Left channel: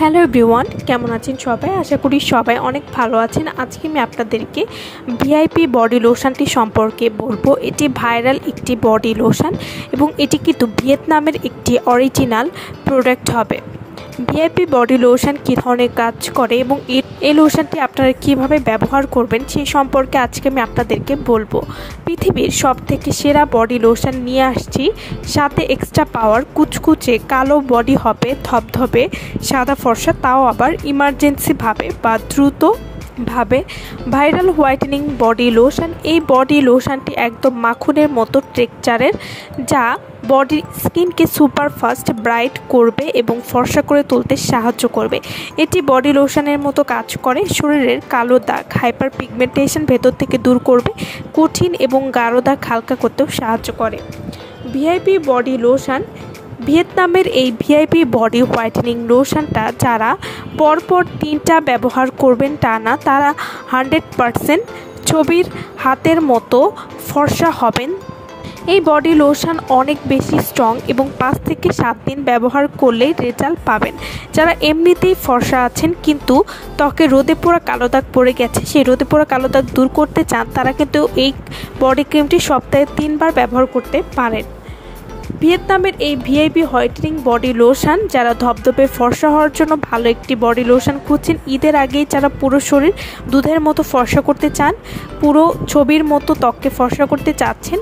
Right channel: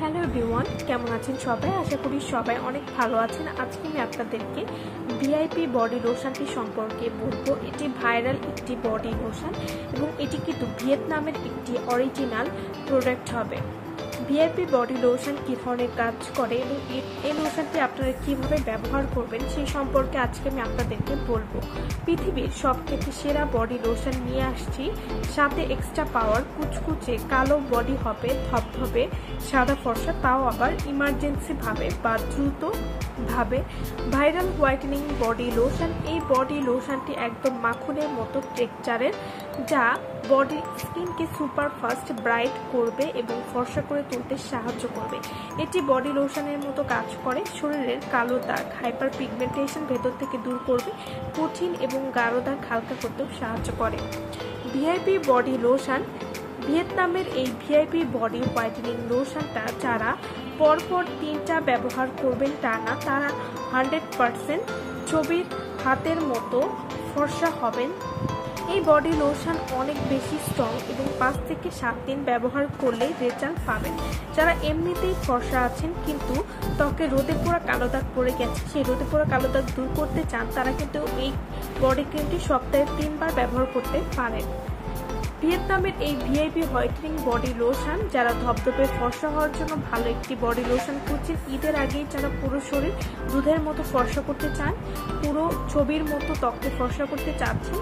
Hello everyone, কেমন আছেন সবাই? আশা করি সবাই অনেক ভালো আছেন। আজকে আমি আপনাদেরকে ভিআইপি বডি লোশনটি সম্পর্কে বলবো। এটি ভাইরাল একটি বডি লোশন এবং এটি কিন্তু ভিয়েতনামের একটি অরিজিনাল প্রোডাক্ট হবে। ভিআইপি বডি লোশন কী ধরনের কাজ করে এবং এই লোশনটি আপনারা কীভাবে ব্যবহার করবেন সেই সম্পর্কে আজকে আমি আপনাদেরকে বলবো। পৃথিবীর সবথেকে সেরা বডি লোশন নিয়ে আসছি, সাথে এক্সট্রা পাওয়ার, কুচকুচে কালো বডি হবে, ধবধবে সাদা ফর্সা, তাও আবার ইমার্জেন্সিভাবে বা দ্রুতভাবে ভাইরাল হোয়াইটেনিং বডি লোশন। এই বডি লোশনটি একদম মাখনের মতো টেক্সচারের, যা বডি স্কিনকে সুপার ফাস্ট ব্রাইট করবে এবং ফর্সা করে তুলতে সাহায্য করবে। এটি বডি লোশনের মতো কাজ করে, শরীরের কালো দাগ, হাইপার পিগমেন্টেশন ভেতর থেকে দূর করবে, কঠিন এবং গাঢ় দাগ হালকা করতেও সাহায্য করে। ভিআইপি বডি লোশন, ভিয়েতনামের এই ভিআইপি বডি হোয়াইটেনিং লোশনটা যারা পরপর 3টা ব্যবহার করবেন টানা, তারা 100% ছবির হাতের মতো ফর্সা হবেন। এই বডি লোশন অনেক বেশি স্ট্রং এবং 5 থেকে 7 দিন ব্যবহার করলেই রেজাল্ট পাবেন। যারা এমনিতেই ফর্সা আছেন কিন্তু ত্বকে রোদে পোড়া কালো দাগ পড়ে গেছে, সেই রোদে পোড়া কালো দাগ দূর করতে চান, তারা কিন্তু এই বডি ক্রিমটি সপ্তাহে 3 বার ব্যবহার করতে পারেন। ভিয়েতনামের এই ভিআইপি হোয়াইটেনিং বডি লোশন, যারা ধবধবে ফর্সা হওয়ার জন্য ভালো একটি বডি লোশন খুঁজছেন, ঈদের আগেই যারা পুরো শরীর দুধের মতো ফর্সা করতে চান, পুরো ছবির মতো ত্বককে ফর্সা করতে চাচ্ছেন,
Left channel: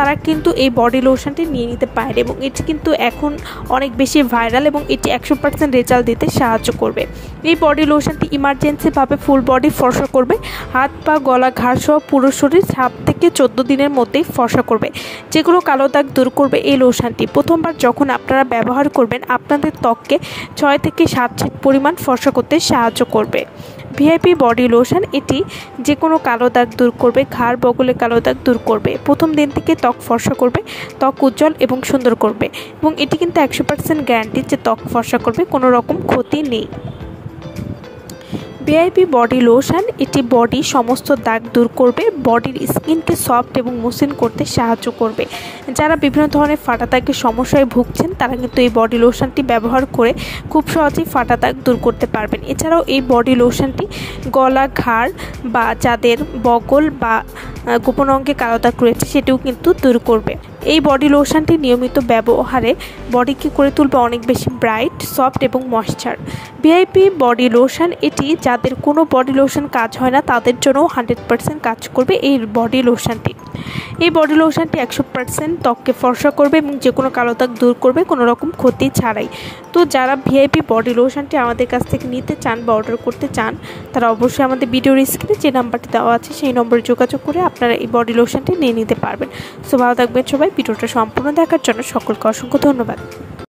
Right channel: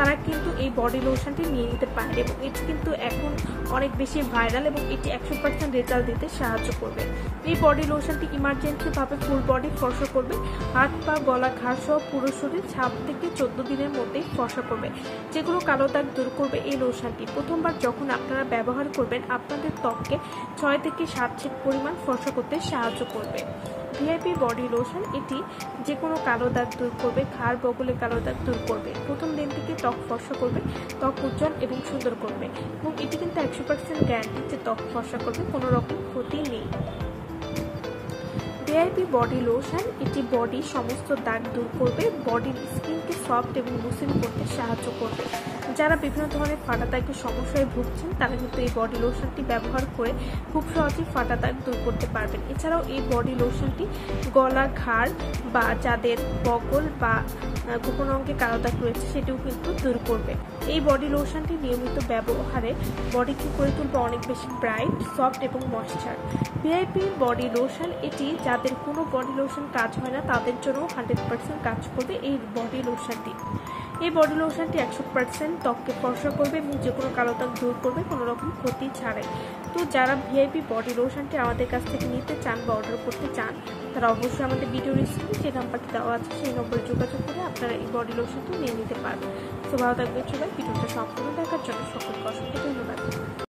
তারা কিন্তু এই বডি লোশনটি নিয়ে নিতে পারে এবং এটি কিন্তু এখন অনেক বেশি ভাইরাল এবং এটি 100% রেজাল্ট দিতে সাহায্য করবে। এই বডি লোশনটি ইমার্জেন্সিভাবে ফুল বডি ফর্সা করবে, হাত পা গলা ঘাড় সহ পুরো শরীর 7 থেকে 14 দিনের মধ্যেই ফর্সা করবে, যেগুলো কালো দাগ দূর করবে। এই লোশনটি প্রথমবার যখন আপনারা ব্যবহার করবেন, আপনাদের ত্বককে 6 থেকে 7 ছিট পরিমাণ ফর্সা করতে সাহায্য করবে। ভিআইপি বডি লোশন এটি যে কোনো কালো দাগ দূর করবে, ঘাড় বগলে কালো দাগ দূর করবে, প্রথম দিন থেকে ত্বক ফর্সা করবে, ত্বক উজ্জ্বল এবং সুন্দর করবে এবং এটি কিন্তু 100% গ্যারান্টি যে ত্বক ফর্সা করবে, কোনো রকম ক্ষতি নেই। ভিআইপি বডি লোশন এটি বডি সমস্ত দাগ দূর করবে, বডির স্কিনকে সফট এবং মসৃণ করতে সাহায্য করবে। যারা বিভিন্ন ধরনের ফাটা দাগের সমস্যায় ভুগছেন, তারা কিন্তু এই বডি লোশনটি ব্যবহার করে খুব সহজেই ফাটা দাগ দূর করতে পারবেন। এছাড়াও এই বডি লোশনটি গলা, ঘাড় বা যাদের বগল বা গোপন অঙ্গে কালো দাগ রয়েছে সেটিও কিন্তু দূর করবে। এই বডি লোশনটি নিয়মিত ব্যবহারে বডিকে করে তুলবে অনেক বেশি ব্রাইট, সফট এবং ময়েশ্চার। ভিআইপি বডি লোশন এটি যাদের কোনো বডি লোশন কাজ হয় না, তাদের জন্য 100% কাজ করবে এই বডি লোশনটি। এই বডি লোশনটি 100% ত্বককে ফর্সা করবে এবং যে কোনো কালো দাগ দূর করবে, কোনো রকম ক্ষতি ছাড়াই। তো যারা ভিআইপি বডি লোশনটি আমাদের কাছ থেকে নিতে চান বা অর্ডার করতে চান, তারা অবশ্যই আমাদের ভিডিওর স্ক্রিনে যে নাম্বারটি দেওয়া আছে সেই নম্বরে যোগাযোগ করে আপনারা এই বডি লোশনটি নিয়ে নিতে পারবেন। সো ভালো থাকবেন সবাই। ভিডিওটা সম্পূর্ণ দেখার জন্য সকলকে অসংখ্য ধন্যবাদ।